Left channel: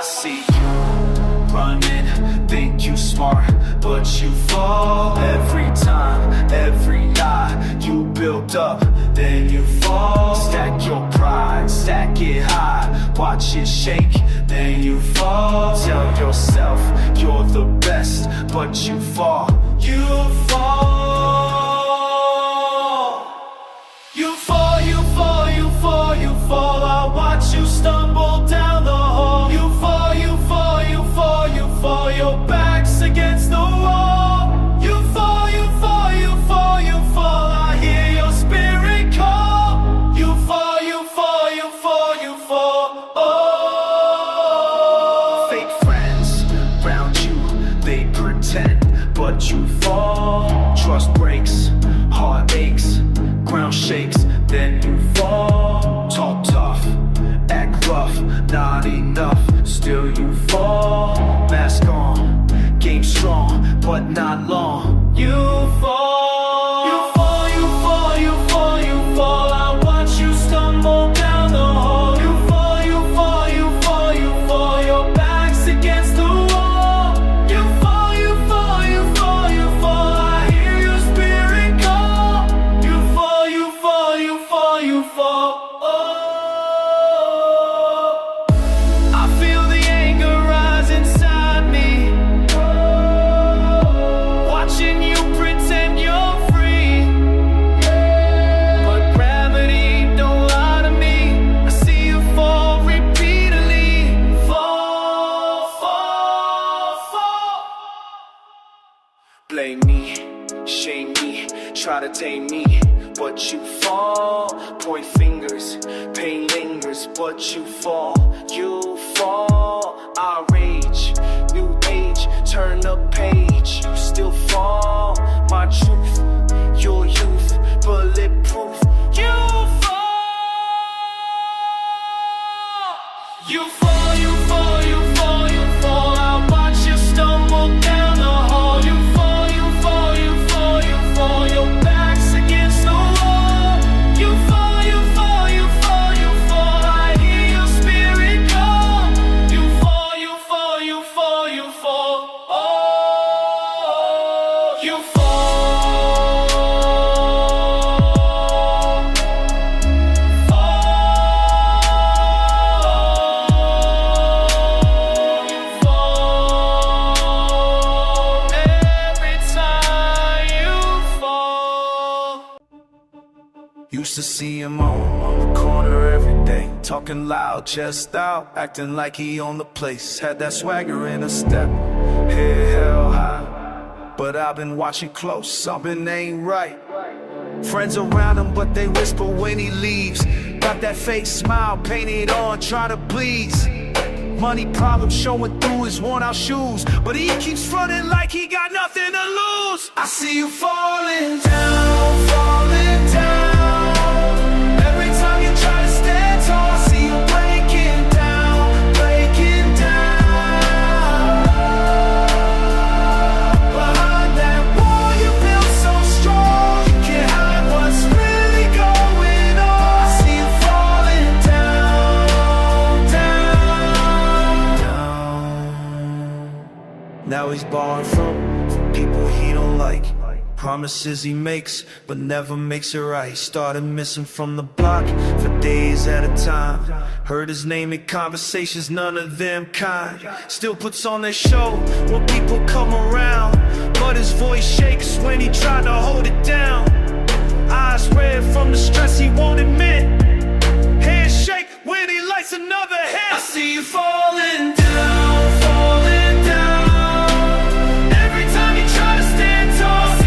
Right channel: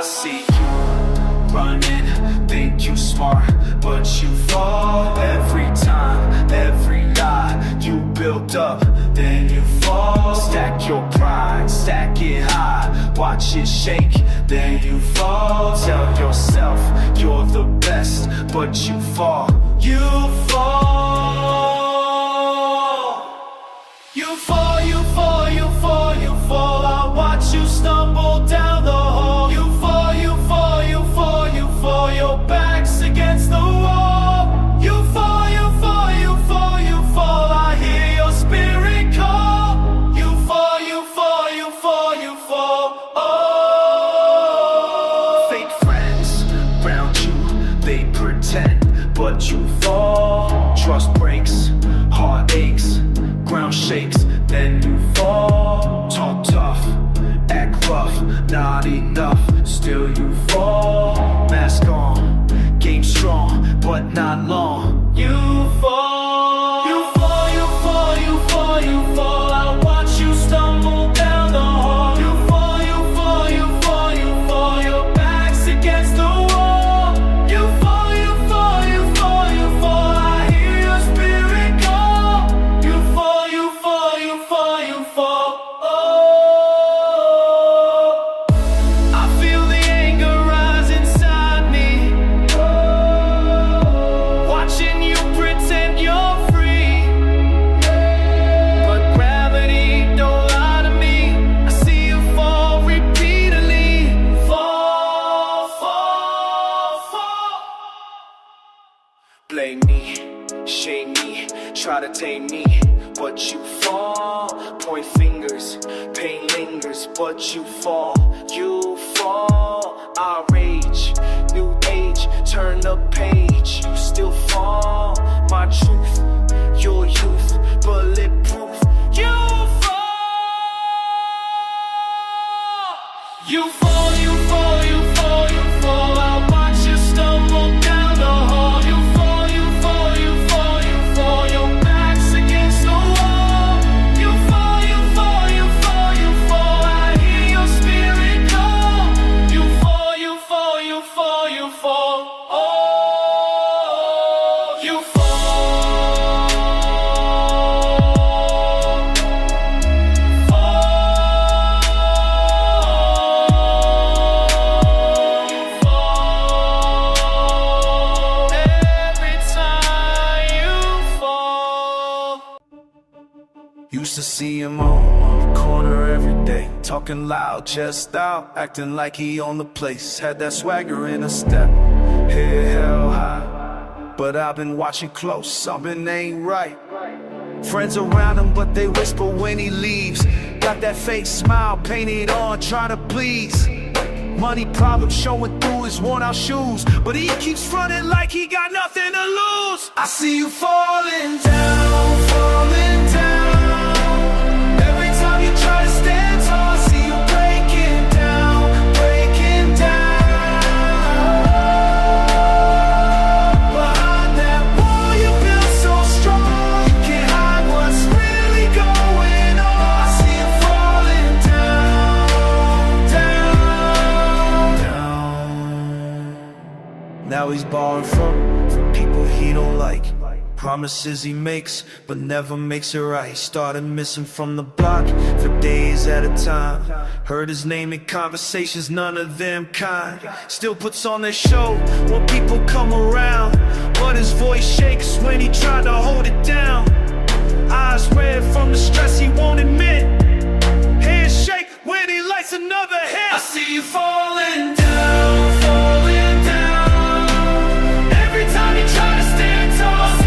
I see you running, think you smart, but you fall every time, every lie you build up, then you fall. Stack your pride, stack it high, watch it shake, then you fall. Tell yourself you're the best, but you fall. You fall. You fall, you fall, you fall, you fall. I watch you stumble down the hall. You fall, you fall, you fall, you fall. Your back's against the wall. You fall, you fall, you fall, you fall. I hear your spirit call. You fall, you fall, you fall, you fall. Oh. Fake friends round you, they pretend, but you fall. Trust breaks, heart aches, ground shakes, then you fall. Talk tough, act rough, not enough, still you fall. Mask on, game strong, but not long. You fall. You fall, you fall, you fall, you fall. I watch you stumble down the hall. You fall, you fall, you fall, you fall. Your back's against the wall. You fall, you fall, you fall, you fall. I hear your spirit call. You fall, you fall, you fall, you fall. Oh, I feel the anger rise inside me, watching you pretend you're free, but gravity don't lie to me. I see you fall repeatedly. Fall, fall, fall. Blame me, shame me, try to tame me, but you fall. Point fingers, pain lingers, but you fall. You fall. I rage, new age, turn the page. You still fall. My truth, your youth, bulletproof. You fall. You fall, you fall, you fall, you fall. I watch you stumble down the hall. You fall, you fall, you fall, you fall. Your back's against the wall. You fall, you fall, you fall, you fall. I hear your spirit call. You fall, you fall, you fall, you fall. Oh, you fall. Used to see him on the corner every day, talking loud, chest out, acting like he owned the place. Had that swagger in a step, head held high, but I've been watching close, something ain't right. Friends around him, but they whisper when he leaves. Got that fake smile painted on, trying to please. Money problems showing through his worn out shoes, but he keeps fronting like he got nothing to lose. I see you falling down, falling down. Every time you try to stand tall, I see you breaking down, breaking down. Behind that wall you built so strong, you can't hide what's really going on. I see you falling down, down, down. Now he's borrowing from people he don't like. Promises he makes, but never makes it right. Started missing from the block for days at a time. Heard his name in conversations, none of them kind. Still puts on this show when people come around, but his voice shakes when he tried to hold it down. Eyes red from the stress he won't admit. Hands shake when he lights another hit. I see you falling down, falling down. Every time you try to stand tall,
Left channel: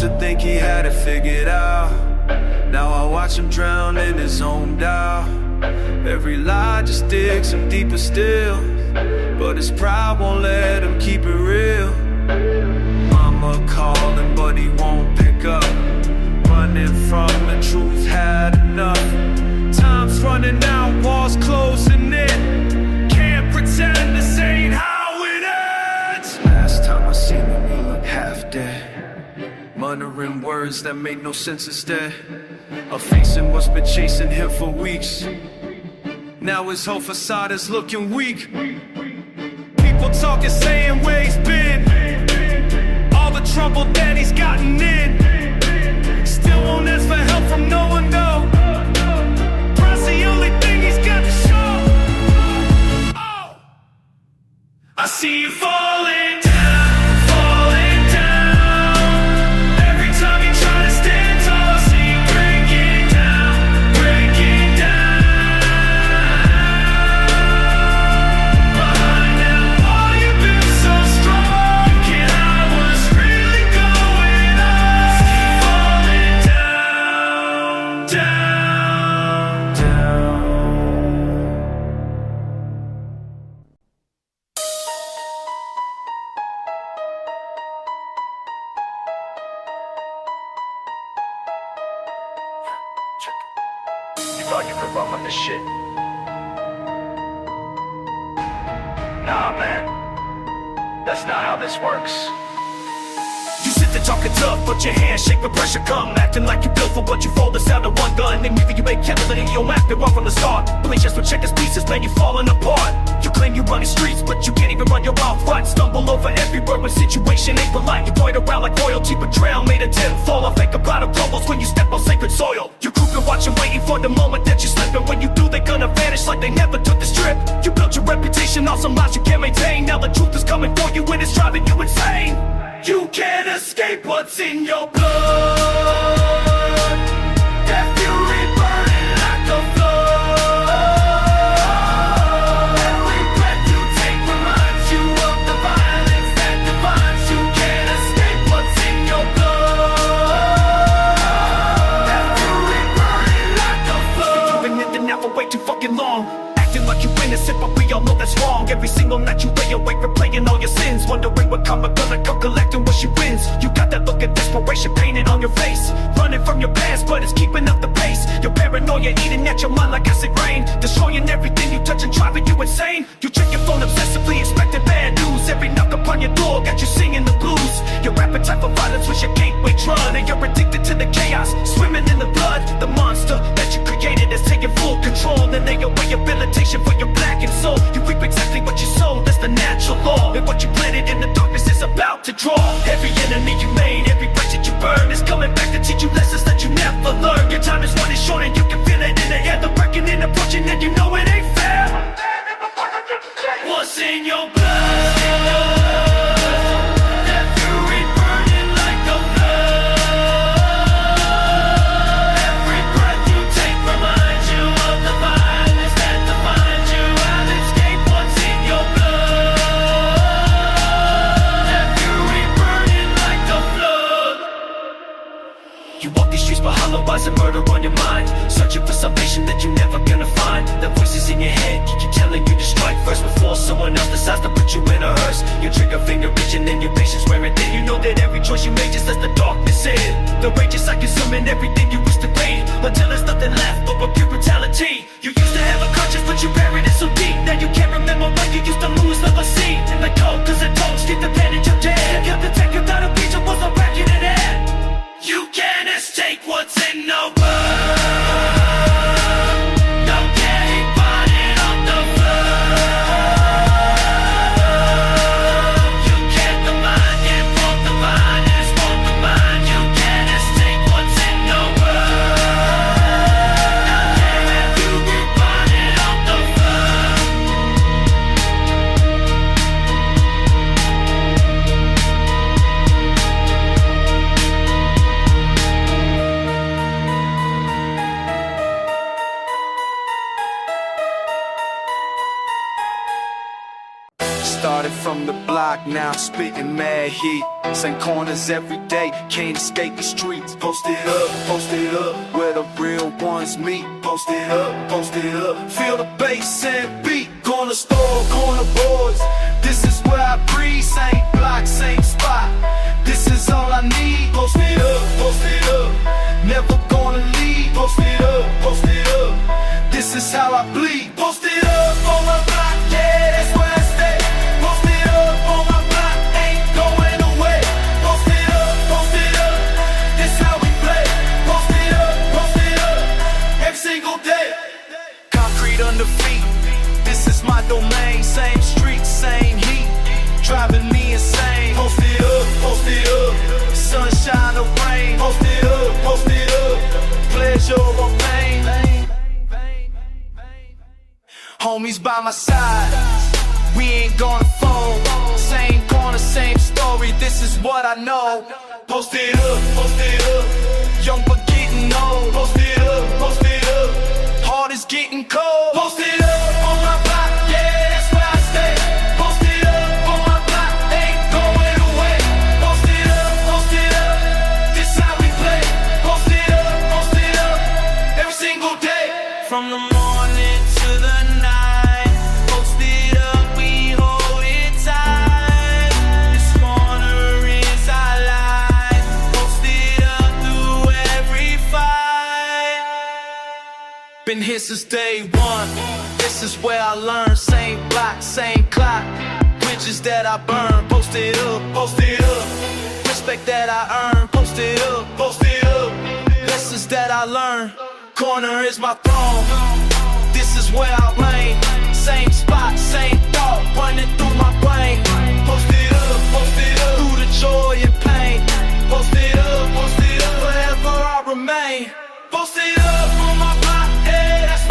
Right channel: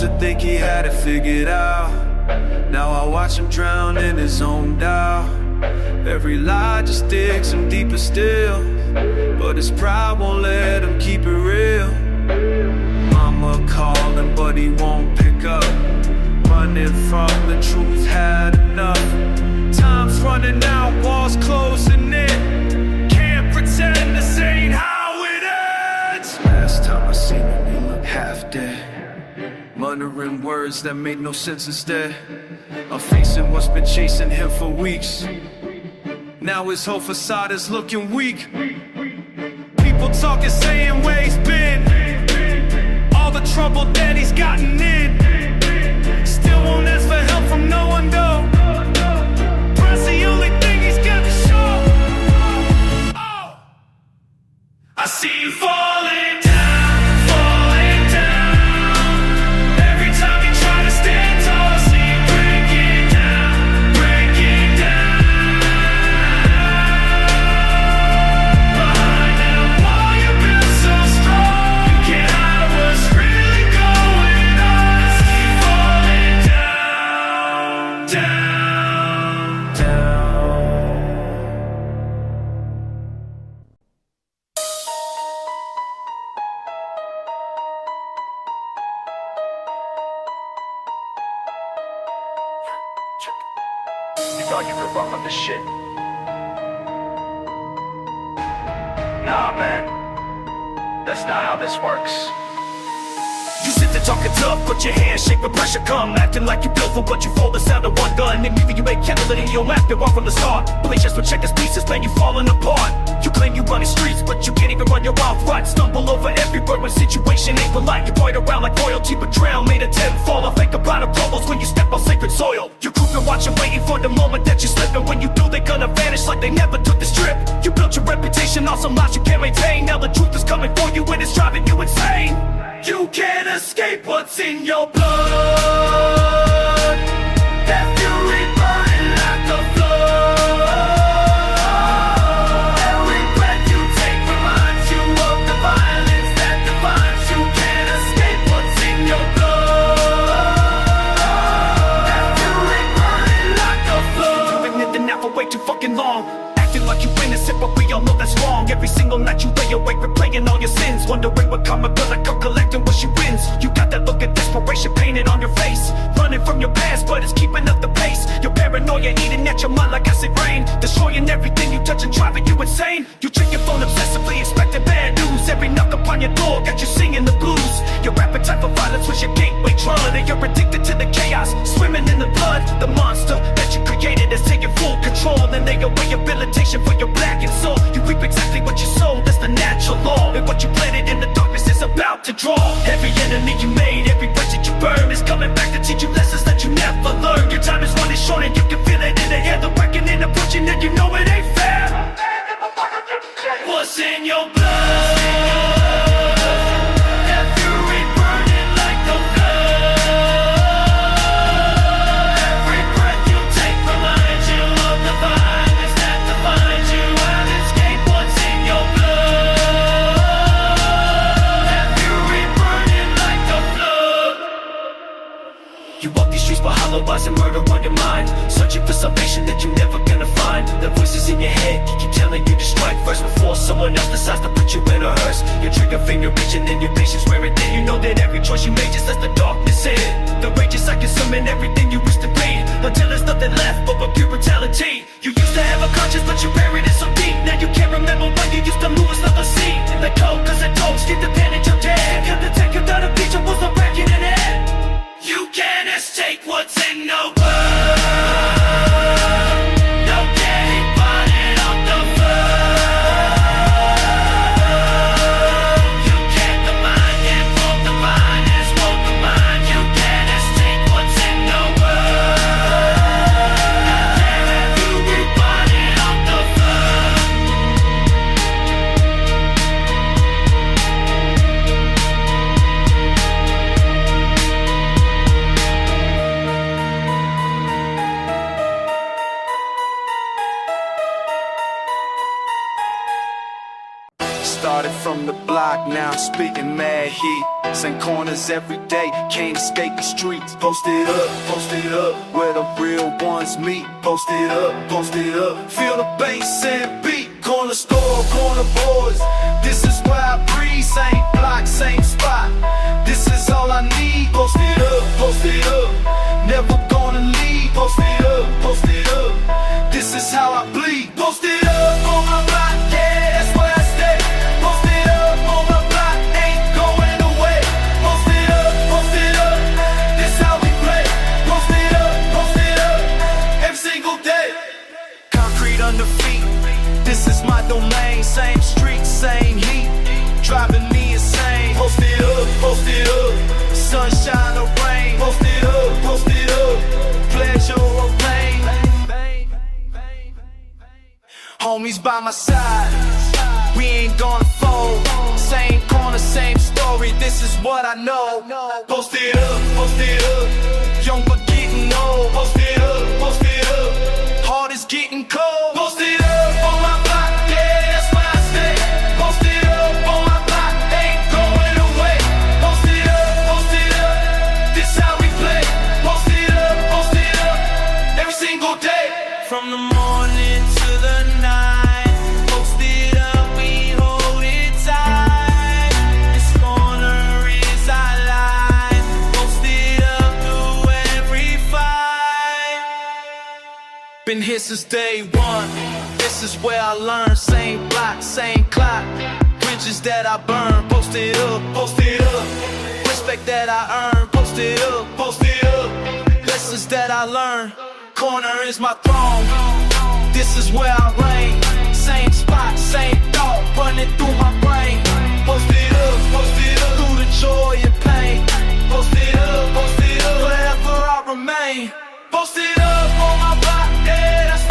to think he had it figured out. Now I watch him drown in his own doubt. Every lie just digs him deeper still, but his pride won't let him keep it real. Mama I'ma call him, but he won't pick up. Running from the truth, had enough. Time's running out, walls closing in. Can't pretend this ain't how it ends. Last time I seen him, he looked half dead, muttering words that made no sense instead of facing what's been chasing him for weeks. Now his whole facade is looking weak. People talking, saying where he's been, all the trouble that he's gotten in. Still won't ask for help from no one though. Pride's the only thing he's got to show. Oh, I see you falling down, falling down. Every time you try to stand tall, I see you breaking down, breaking down. Behind them all you've been so strong, can't hide what's really going on. I see you falling down, down, down. You thought you could rock on this shit? Nah, man. That's not how this works. You sit there talking tough, but your hands shake when pressure come. Acting like you built for what you fold, the sound of one gun. And maybe you ain't kindling it, you don't act it wrong from the start. Police just will check his pieces, man, you falling apart. You claim you run the streets, but you can't even run your mouth right. Stumble over every word when situation ain't polite. You point around like royalty, betrayal made a 10 fall. I think about it crumbles when you step on sacred soil. You creeping, watching, waiting for the moment that you slip. And when you do, they gonna vanish like they never took the strip. You built your reputation on some lies you can't maintain. Now the truth is coming for you and it's driving you insane. You can't escape what's in your blood. That fury burning like a flood. Every breath you take reminds you of the violence that defines you. Can't escape what's in your blood. That fury burning like a flood. You've been in the now for way too fucking long, acting like you innocent, but we all know that's wrong. Every single night you lay awake replaying all your sins, wondering what karma gonna come collecting when she wins. You got that look of desperation painted on your face, running from your past, but it's keeping up the pace. Your paranoia eating at your mind like acid rain, destroying everything you touch and driving you insane. You check your phone obsessively, expecting bad news. Every knock upon your door got you singing the blues. Your appetite for violence was your gateway drug, and you're addicted to the chaos, swimming in the blood. The monster that you created is taking full control, and they away rehabilitation for your blackened soul. You reap exactly what you sow, that's the natural law. And what you planted in the darkness is about to draw. Every enemy you made, every bridge that you burn is coming back to teach you lessons that you never learned. Your time is running short and you can feel it in the air. The reckoning approaching and you know it ain't fair. What's in your blood? You walk these streets for hollow eyes and murder on your mind, searching for salvation that you're never gonna find. The voices in your head keep telling you to strike first before someone else decides to put you in a hearse. Your trigger finger reaching and your patience wearing thin. You know that every choice you make just lets the darkness in. The rage is like consuming everything you used to read, until there's nothing left but pure brutality. You used to have a conscience, but you buried it so deep. Now you can't remember what you used to lose, never see. Like coke, cause it don't get the pen in your dead. Killed the tech without a beach, I was a wreck in it air. You can't escape what's in your blood. Now get it burning on the flood. You can't deny it, won't divine it, won't remind. You can't escape what's in your blood. Now get it burning on the flood. Started from the block, now I'm spitting mad heat. Same corners every day, can't escape the streets. Posted up, where the real ones meet. Posted up, feel the bass and beat. Corner store, corner boys, this is where I breathe. Same block, same spot. This is all I need. Post it up, post it up. Never gonna leave. Post it up, post it up. This is how I bleed. Post it up on my block, yeah, that's where I stay. Post it up on my block, ain't going away. Post it up, this how we play. Post it up, every single day. Concrete under feet, this is my domain. Same street, same heat, driving me insane. Post it up, sunshine or rain. Post it up, pleasure or pain. Homies by my side, we ain't gonna fold. Same corner, same story, this is what I know. Post it up, young but getting old. Post it up, heart is getting cold. Post it up on my block, yeah, that's where I stay. Post it up on my block, ain't going away. Post it up, this how we play. Post it up, every single day. From the morning to the night, post it up, we hold it tight. This corner is our life. Post it up through every fight. Been here since day one, this is where I learned. Same block, same clock, bridges that I burn. Post it up, respect that I earn. Post it up, lessons that I learn. Corner is my throne, this is where I reign. Same spot, same thought, running through my brain. Post it up, through the joy and pain. Post it up, forever I remain. Post it up on my block, yeah, that's